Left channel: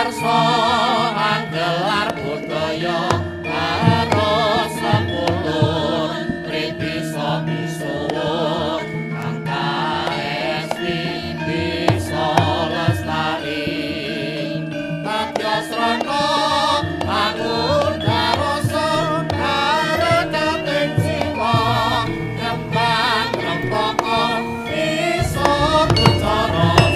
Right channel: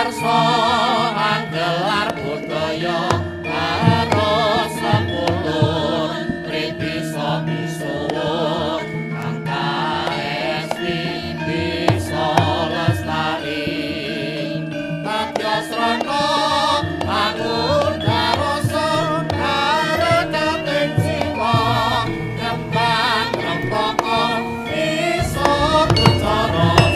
ngarsa anggelar budaya karo sepulur bisa misuwur kang kaesti bisa lestari Tatya Srana bangun karoso karekating siwa kembang rempaka bisa kucara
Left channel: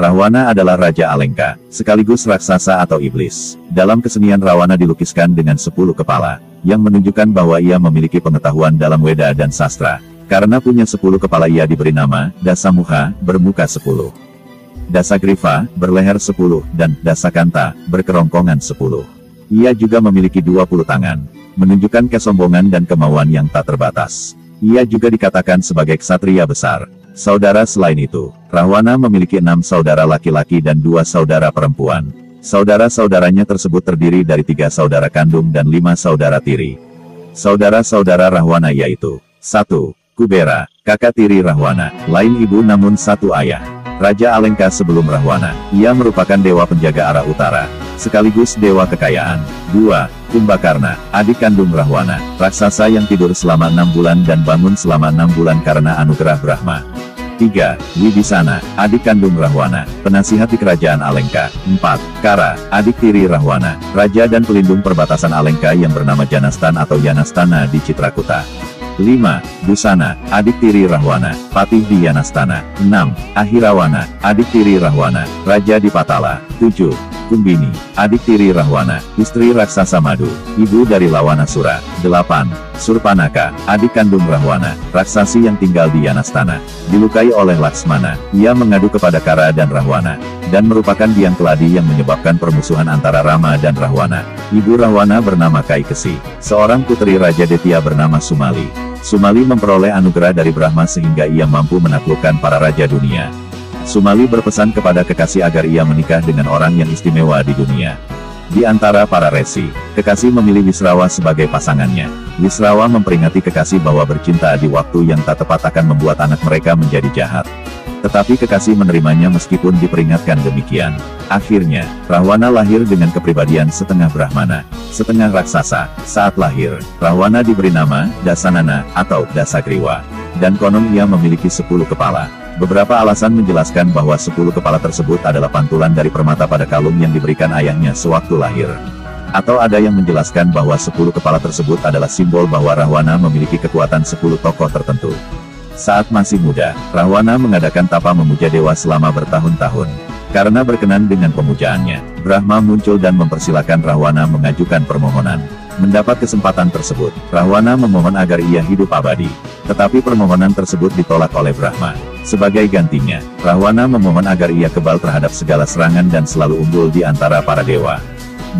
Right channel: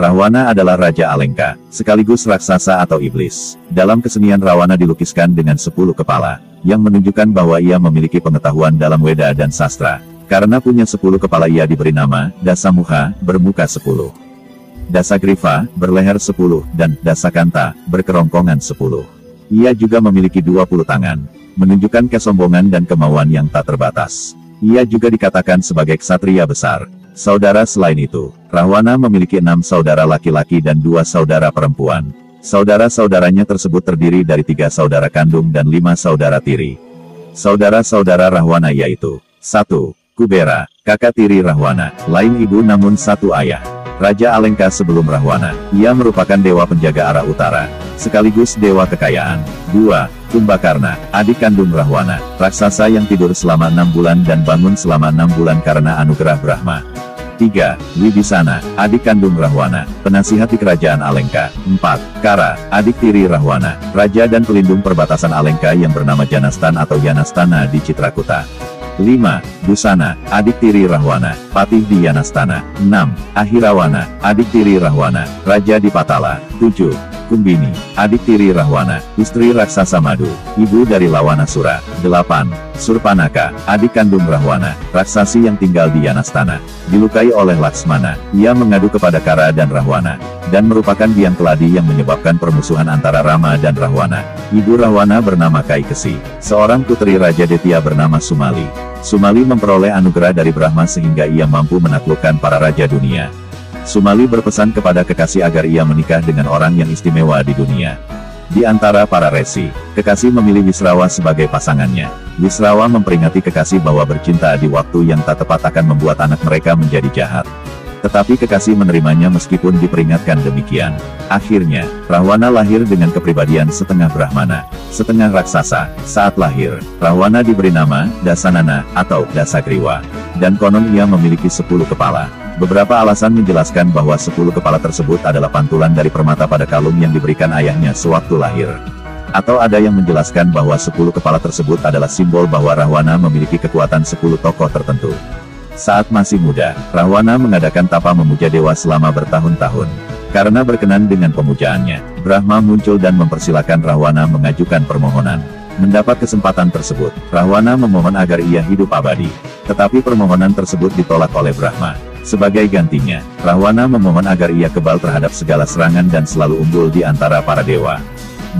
Rahwana adalah Raja Alengka, sekaligus raksasa atau iblis. Dalam kesenian Rahwana dilukiskan dengan 10 kepala, yang menunjukkan bahwa ia memiliki pengetahuan dalam Weda dan sastra. Karena punya 10 kepala ia diberi nama Dasamuka, bermuka 10. Dasagriva, berleher 10, dan Dasakanta, berkerongkongan 10. Ia juga memiliki 20 tangan, menunjukkan kesombongan dan kemauan yang tak terbatas. Ia juga dikatakan sebagai ksatria besar. Saudara selain itu, Rahwana memiliki 6 saudara laki-laki dan 2 saudara perempuan. Saudara-saudaranya tersebut terdiri dari 3 saudara kandung dan 5 saudara tiri. Saudara-saudara Rahwana yaitu 1. Kubera, kakak tiri Rahwana, lain ibu namun satu ayah. Raja Alengka sebelum Rahwana, ia merupakan dewa penjaga arah utara, sekaligus dewa kekayaan. 2. Kumbakarna, adik kandung Rahwana, raksasa yang tidur selama 6 bulan dan bangun selama 6 bulan karena anugerah Brahma. 3. Wibisana, adik kandung Rahwana, penasihat di kerajaan Alengka. 4. Kara, adik tiri Rahwana, raja dan pelindung perbatasan Alengka yang bernama Janastana atau Yanastana di Citrakuta. 5. Busana, adik tiri Rahwana, patih di Yanastana. 6. Ahirawana, adik tiri Rahwana, raja di Patala. 7. Kumbini, adik tiri Rahwana, istri raksasa Madu, ibu dari Rawanasura. 8. Surpanaka, adik kandung Rahwana, raksasi yang tinggal di Yanastana. Dilukai oleh Laksmana, ia mengadu kepada Kara dan Rahwana, dan merupakan biang keladi yang menyebabkan permusuhan antara Rama dan Rahwana. Ibu Rahwana bernama Kaikesi, seorang putri Raja Detya bernama Sumali. Sumali memperoleh anugerah dari Brahma sehingga ia mampu menaklukkan para raja dunia. Sumali berpesan kepada kekasih agar ia menikah dengan orang yang istimewa di dunia. Di antara para resi, kekasih memilih Wisrawa sebagai pasangannya. Wisrawa memperingati kekasih bahwa bercinta di waktu yang tak tepat akan membuat anak mereka menjadi jahat. Tetapi kekasih menerimanya meskipun diperingatkan demikian. Akhirnya, Rahwana lahir dengan kepribadian setengah Brahmana, setengah raksasa. Saat lahir, Rahwana diberi nama Dasanana atau Dasagriwa, dan konon ia memiliki 10 kepala. Beberapa alasan menjelaskan bahwa 10 kepala tersebut adalah pantulan dari permata pada kalung yang diberikan ayahnya sewaktu lahir. Atau ada yang menjelaskan bahwa 10 kepala tersebut adalah simbol bahwa Rahwana memiliki kekuatan 10 tokoh tertentu. Saat masih muda, Rahwana mengadakan tapa memuja dewa selama bertahun-tahun. Karena berkenan dengan pemujaannya, Brahma muncul dan mempersilahkan Rahwana mengajukan permohonan. Mendapat kesempatan tersebut, Rahwana memohon agar ia hidup abadi. Tetapi permohonan tersebut ditolak oleh Brahma. Sebagai gantinya, Rahwana memohon agar ia kebal terhadap segala serangan dan selalu unggul di antara para dewa.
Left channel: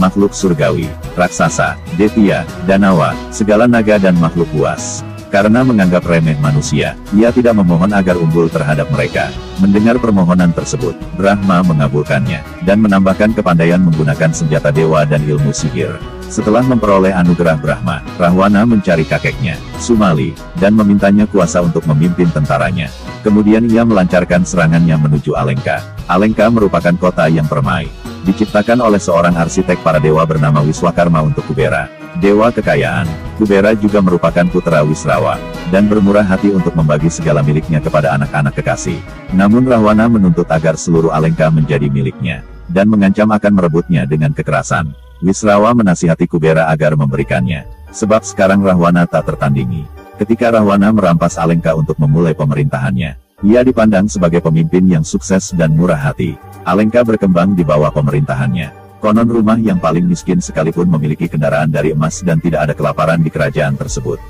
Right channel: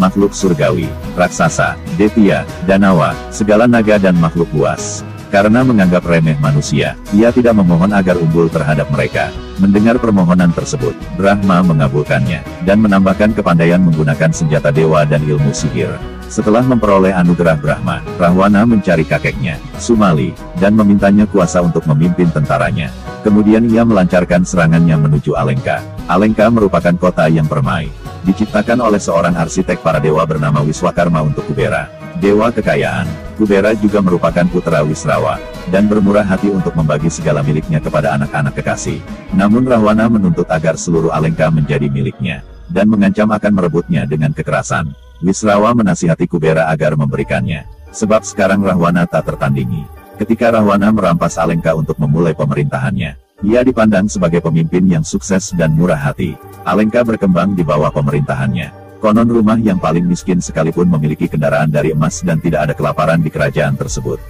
Makhluk surgawi, raksasa, detya, danawa, segala naga dan makhluk buas. Karena menganggap remeh manusia, ia tidak memohon agar unggul terhadap mereka. Mendengar permohonan tersebut, Brahma mengabulkannya, dan menambahkan kepandaian menggunakan senjata dewa dan ilmu sihir. Setelah memperoleh anugerah Brahma, Rahwana mencari kakeknya, Sumali, dan memintanya kuasa untuk memimpin tentaranya. Kemudian ia melancarkan serangannya menuju Alengka. Alengka merupakan kota yang permai, diciptakan oleh seorang arsitek para dewa bernama Wiswakarma untuk Kubera, dewa kekayaan. Kubera juga merupakan putra Wisrawa, dan bermurah hati untuk membagi segala miliknya kepada anak-anak kekasih. Namun Rahwana menuntut agar seluruh Alengka menjadi miliknya, dan mengancam akan merebutnya dengan kekerasan. Wisrawa menasihati Kubera agar memberikannya, sebab sekarang Rahwana tak tertandingi. Ketika Rahwana merampas Alengka untuk memulai pemerintahannya, Ia dipandang sebagai pemimpin yang sukses dan murah hati. Alengka berkembang di bawah pemerintahannya. Konon rumah yang paling miskin sekalipun memiliki kendaraan dari emas dan tidak ada kelaparan di kerajaan tersebut.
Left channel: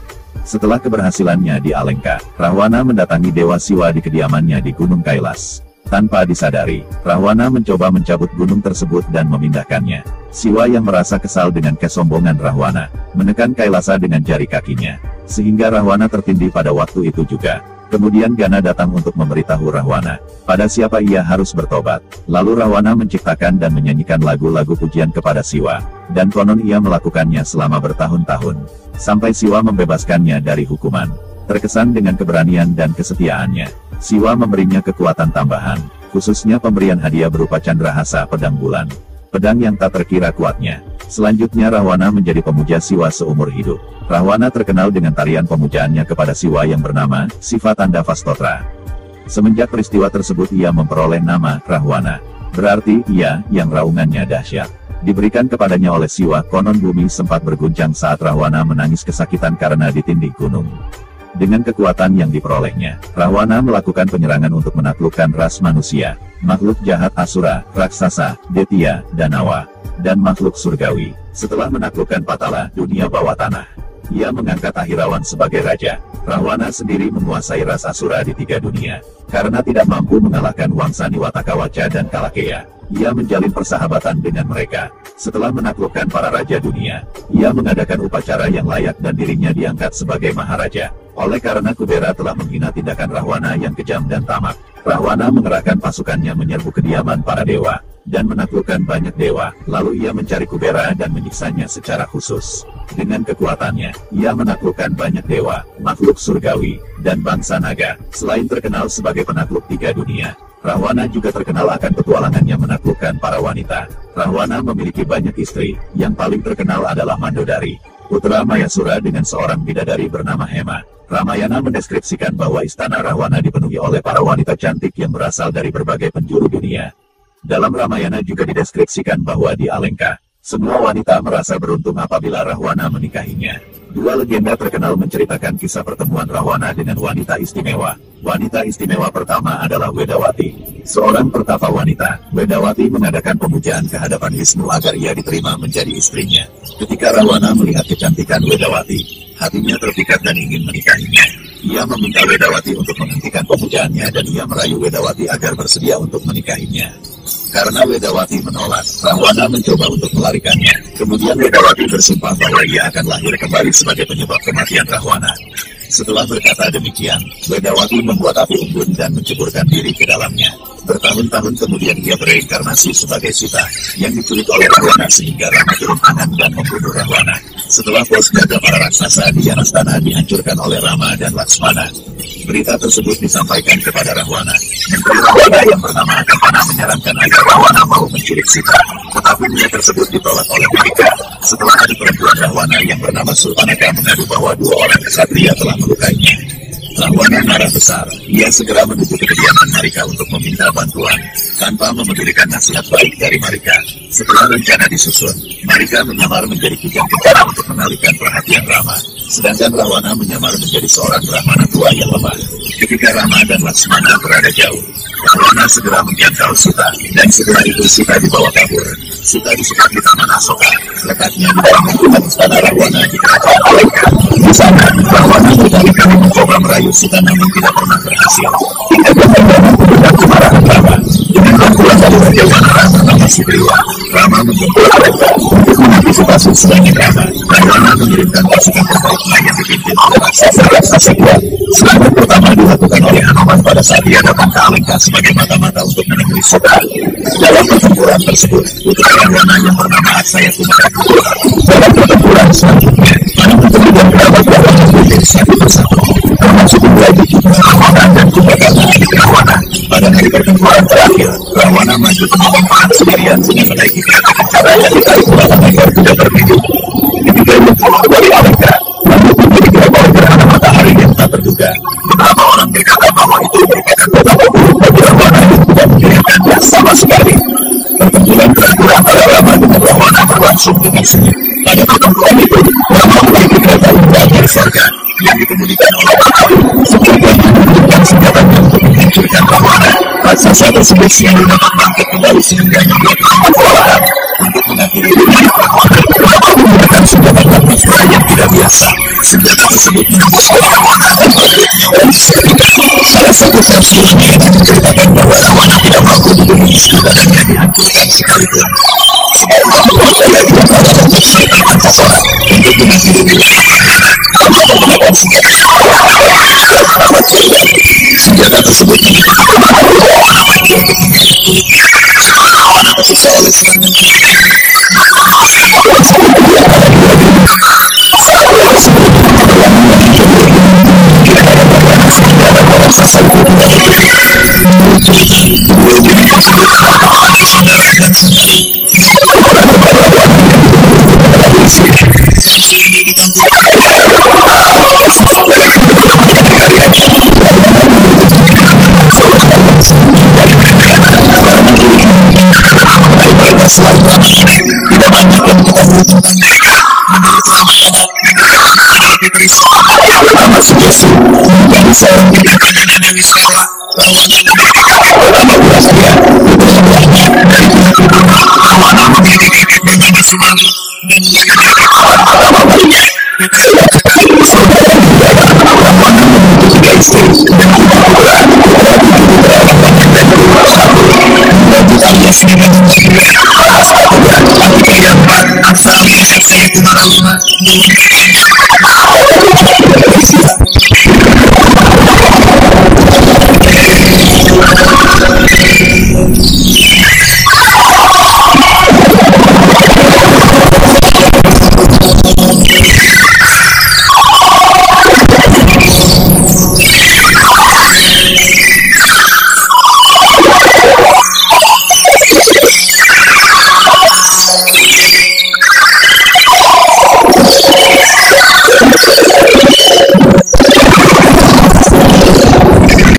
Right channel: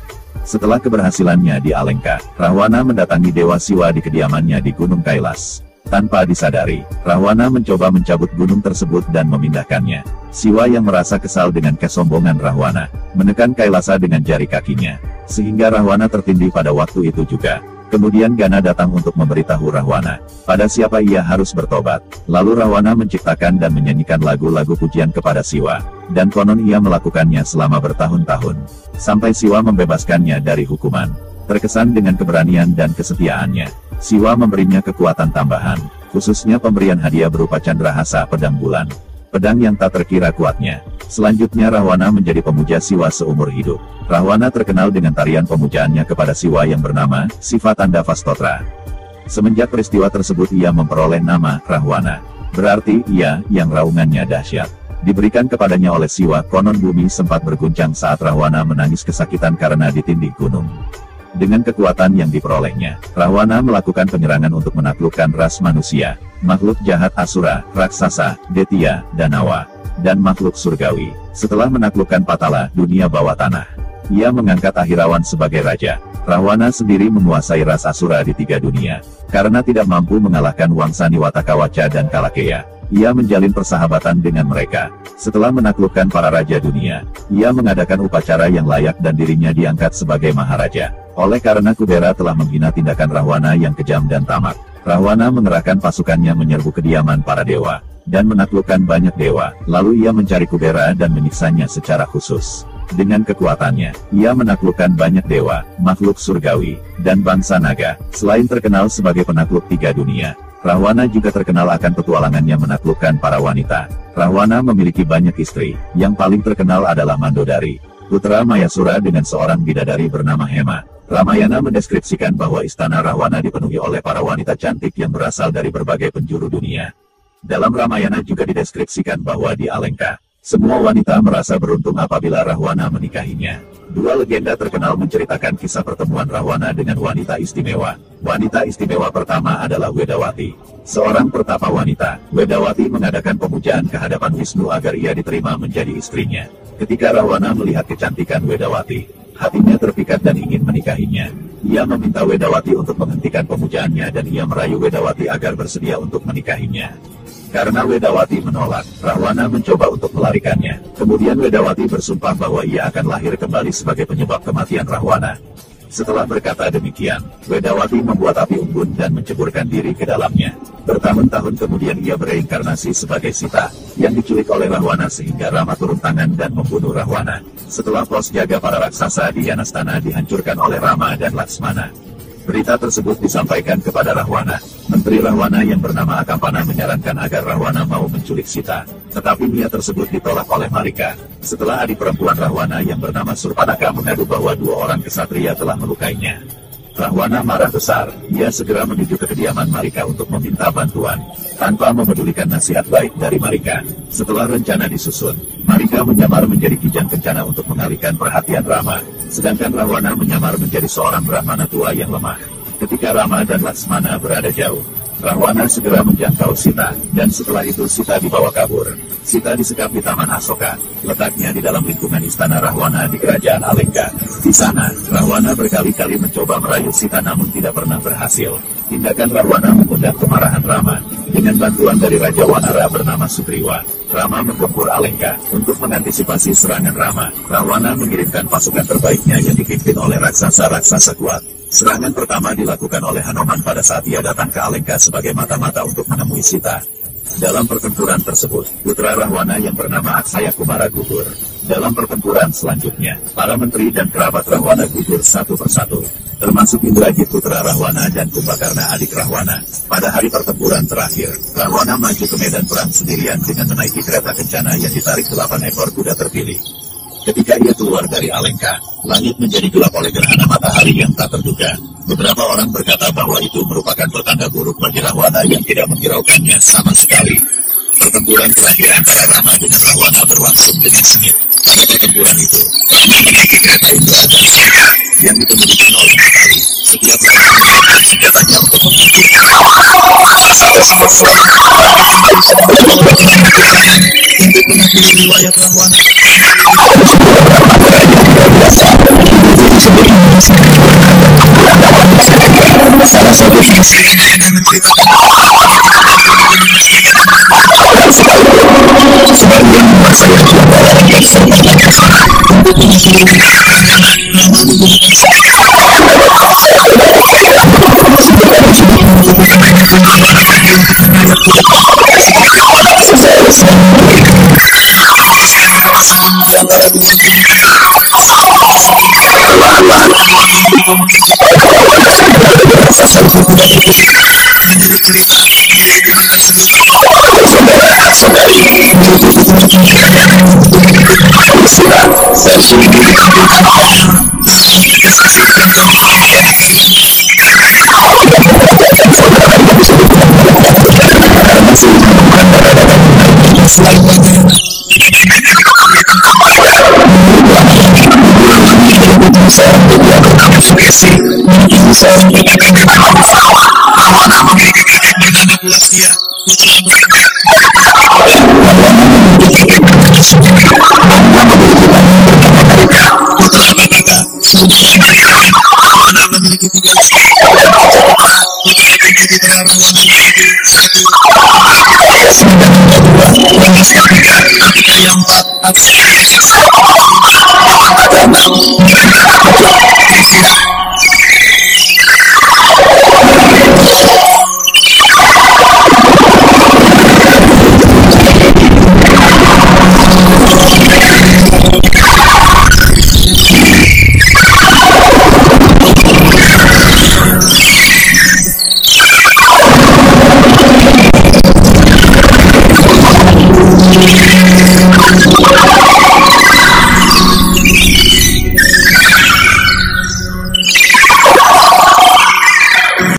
Setelah keberhasilannya di Alengka, Rahwana mendatangi Dewa Siwa di kediamannya di Gunung Kailas. Tanpa disadari, Rahwana mencoba mencabut gunung tersebut dan memindahkannya. Siwa yang merasa kesal dengan kesombongan Rahwana, menekan Kailasa dengan jari kakinya, sehingga Rahwana tertindih pada waktu itu juga. Kemudian Gana datang untuk memberitahu Rahwana pada siapa ia harus bertobat. Lalu Rahwana menciptakan dan menyanyikan lagu-lagu pujian kepada Siwa, dan konon ia melakukannya selama bertahun-tahun, sampai Siwa membebaskannya dari hukuman. Terkesan dengan keberanian dan kesetiaannya, Siwa memberinya kekuatan tambahan, khususnya pemberian hadiah berupa candrahasa pedang bulan, pedang yang tak terkira kuatnya. Selanjutnya Rahwana menjadi pemuja Siwa seumur hidup. Rahwana terkenal dengan tarian pemujaannya kepada Siwa yang bernama Sifatanda Vastotra. Semenjak peristiwa tersebut ia memperoleh nama Rahwana, berarti ia yang raungannya dahsyat. Diberikan kepadanya oleh Siwa. Konon bumi sempat berguncang saat Rahwana menangis kesakitan karena ditindih gunung. Dengan kekuatan yang diperolehnya, Rahwana melakukan penyerangan untuk menaklukkan ras manusia, makhluk jahat Asura, raksasa, Detya, Danawa, dan makhluk surgawi. Setelah menaklukkan Patala, dunia bawah tanah, ia mengangkat Ahirawan sebagai raja. Rahwana sendiri menguasai ras Asura di 3 dunia. Karena tidak mampu mengalahkan Wangsani Watakawaca dan Kalakeya, ia menjalin persahabatan dengan mereka. Setelah menaklukkan para raja dunia, ia mengadakan upacara yang layak dan dirinya diangkat sebagai maharaja. Oleh karena Kubera telah menghina tindakan Rahwana yang kejam dan tamak, Rahwana mengerahkan pasukannya menyerbu kediaman para dewa, dan menaklukkan banyak dewa. Lalu ia mencari Kubera dan menyiksanya secara khusus. Dengan kekuatannya, ia menaklukkan banyak dewa, makhluk surgawi, dan bangsa naga. Selain terkenal sebagai penakluk 3 dunia, Rahwana juga terkenal akan petualangannya menaklukkan para wanita. Rahwana memiliki banyak istri, yang paling terkenal adalah Mandodari, putra Mayasura dengan seorang bidadari bernama Hema. Ramayana mendeskripsikan bahwa istana Rahwana dipenuhi oleh para wanita cantik yang berasal dari berbagai penjuru dunia. Dalam Ramayana juga dideskripsikan bahwa di Alengka, semua wanita merasa beruntung apabila Rahwana menikahinya. 2 legenda terkenal menceritakan kisah pertemuan Rahwana dengan wanita istimewa. Wanita istimewa pertama adalah Wedawati, seorang pertapa wanita. Wedawati mengadakan pemujaan ke hadapan Wisnu agar ia diterima menjadi istrinya. Ketika Rahwana melihat kecantikan Wedawati, hatinya terpikat dan ingin menikahinya. Ia meminta Wedawati untuk menghentikan pemujaannya dan ia merayu Wedawati agar bersedia untuk menikahinya. Karena Wedawati menolak, Rahwana mencoba untuk melarikannya. Kemudian Wedawati bersumpah bahwa ia akan lahir kembali sebagai penyebab kematian Rahwana. Setelah berkata demikian, Wedawati membuat api unggun dan menceburkan diri ke dalamnya. Bertahun-tahun kemudian ia bereinkarnasi sebagai Sita, yang diculik oleh Rahwana sehingga Rama turun tangan dan membunuh Rahwana. Setelah pos jaga para raksasa di Janastana dihancurkan oleh Rama dan Laksmana. Berita tersebut disampaikan kepada Rahwana. Menteri Rahwana yang bernama Akampana menyarankan agar Rahwana mau menculik Sita, tetapi niat tersebut ditolak oleh mereka. Setelah adik perempuan Rahwana yang bernama Surpanaka mengadu bahwa 2 orang kesatria telah melukainya, Rahwana marah besar. Ia segera menuju ke kediaman Marika untuk meminta bantuan, tanpa memedulikan nasihat baik dari Marika. Setelah rencana disusun, Marika menyamar menjadi kijang kencana untuk mengalihkan perhatian Rama, sedangkan Rahwana menyamar menjadi seorang Brahmana tua yang lemah. Ketika Rama dan Laksmana berada jauh, Rahwana segera menjangkau Sita, dan setelah itu Sita dibawa kabur. Sita disekap di Taman Asoka, letaknya di dalam lingkungan istana Rahwana di kerajaan Alengka. Di sana, Rahwana berkali-kali mencoba merayu Sita namun tidak pernah berhasil. Hingga Rahwana memberikan kemarahan Rama. Dengan bantuan dari Raja Wanara bernama Sugriwa, Rama menjemput Alengka. Untuk mengantisipasi serangan Rama, Rahwana mengirimkan pasukan terbaiknya yang dipimpin oleh raksasa-raksasa kuat. Serangan pertama dilakukan oleh Hanuman pada saat ia datang ke Alengka sebagai mata-mata untuk menemui Sita. Dalam pertempuran tersebut, putra Rahwana yang bernama Aksaya Kumara gugur. Dalam pertempuran selanjutnya, para menteri dan kerabat Rahwana gugur satu persatu, termasuk Indrajit putra Rahwana dan Kumbakarna adik Rahwana. Pada hari pertempuran terakhir, Rahwana maju menyerang perang sendirian dengan menaiki kereta kencana yang ditarik 8 ekor kuda berbidu. Ketika ia keluar dari Alengka, langit menjadi gelap oleh gerhana matahari yang tak terduga. Beberapa orang berkata bahwa itu merupakan betapa buruk bagi Rahwana yang tidak mengirimkannya sama sekali. Pertempuran terakhir antara Rama dengan Rahwana berlangsung dengan sengit. Pada pertempuran itu, Rama menaiki kereta Indra dari surga yang dikemudikan oleh Rahwana. Sebagian memberikan senjatanya untuk menyingkirkan Rawana. Raksasa tersebut selalu baru sebagian memblokir pergerakan untuk mengakhiri dunia Rawana. Menggunakan sebuah armada yang tidak biasa, senjata tersebut menembuskan Rawana dan membuat nyawanya sehingga. Salah satu versi ini menceritakan bahwa Rawana tidak mampu dibunuh meski dengan menembuskan sekalipun. Sebagian menguasai ajian Rawana dan serta Pancasara untuk mengakhiri kejahatannya. Tanpa menggunakan senjata tersebut mengikuti kemampuan Rawana maju untuk menyerang kulitnya. Setelah Rawana selesai di antara dua diri. Perlahan-lahan kepada Rawana serigala dan raksasa kuda itu. Menurut cerita, Dewi tersebut adalah saudara dan saudari. Orang kebanyakan yang sudah versi ini dikatakan oleh raksasa dalam kehidupan yang karyanya. Karyanya mengatakan keberadaan saudara yang disebutkan dalam karyanya karena sulit menemukan data-data mengenai mereka selain lama ini. Tidak banyak yang diketahui tentang mereka. Menurut lama ini, adalah putri seorang yang bernama Sugesi yang seorang binatang bernama Kusrawa. Rawana memiliki kakek bernama Ulastia. Putri lainnya dari pihak ibunya, Rawana memiliki kakek bernama Sumari dan ia memiliki paman bernama Marika. Putri wanita, saudara Mariana. Rawana memiliki 3 istri dan 7 putra. Putra-putri putra-putranya yaitu 1. Prabu alias Medan II, Rahasta III, Atika yang 4, Aksa alias Aksa